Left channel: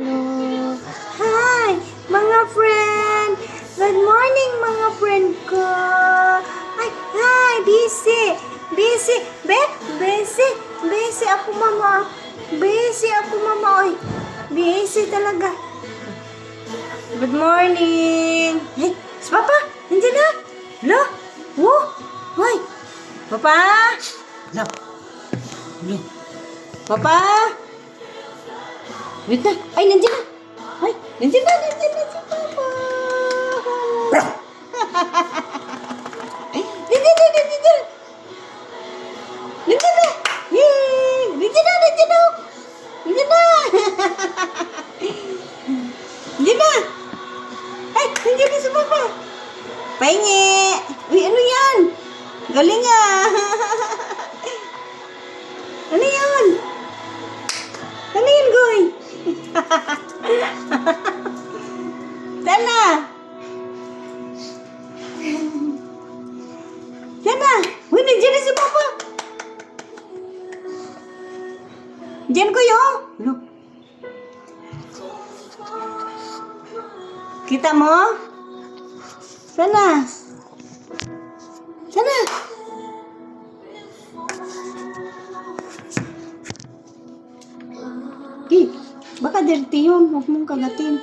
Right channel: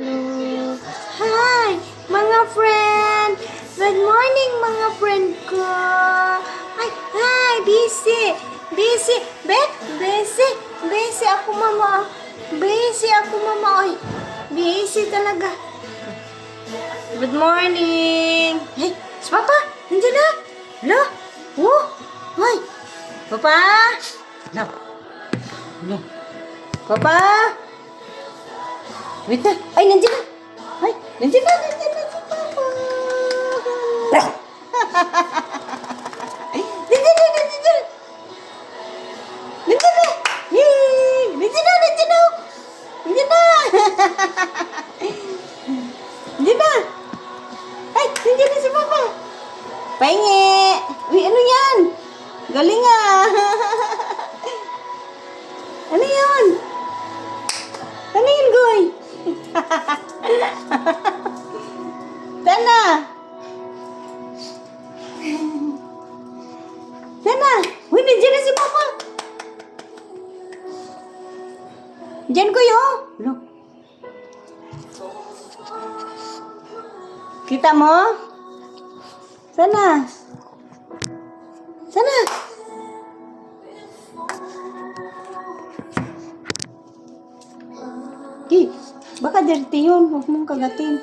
Hello. Hi, mga friend. Good morning, mga friend ko. Ay, hi, busy. Busy. Busy ako, mama. Busy ako, mama. Ay, busy talaga. Good morning. Hey, si Papa, nandiyan na. Hello? Oh, hoy. Papa? Hello? Hello? Papa? Wait na. Ay, nandiyan na. Ay, nandiyan na si Papa. Ay, nandiyan na. Nandiyan na. Yay! Nandiyan na. Nandiyan na. Nandiyan na. Ay, nandiyan na si Papa. Pahingi. Uy, ano yan? Galing ah. Ano yun? Ano yun, Goy? Tana! Tana! Uy, nandiyan na si Papa! Diyan ko yun! Look. Kita mo? Sana! Sana! Okay, baka dirty yun. Huwag mong kagatin.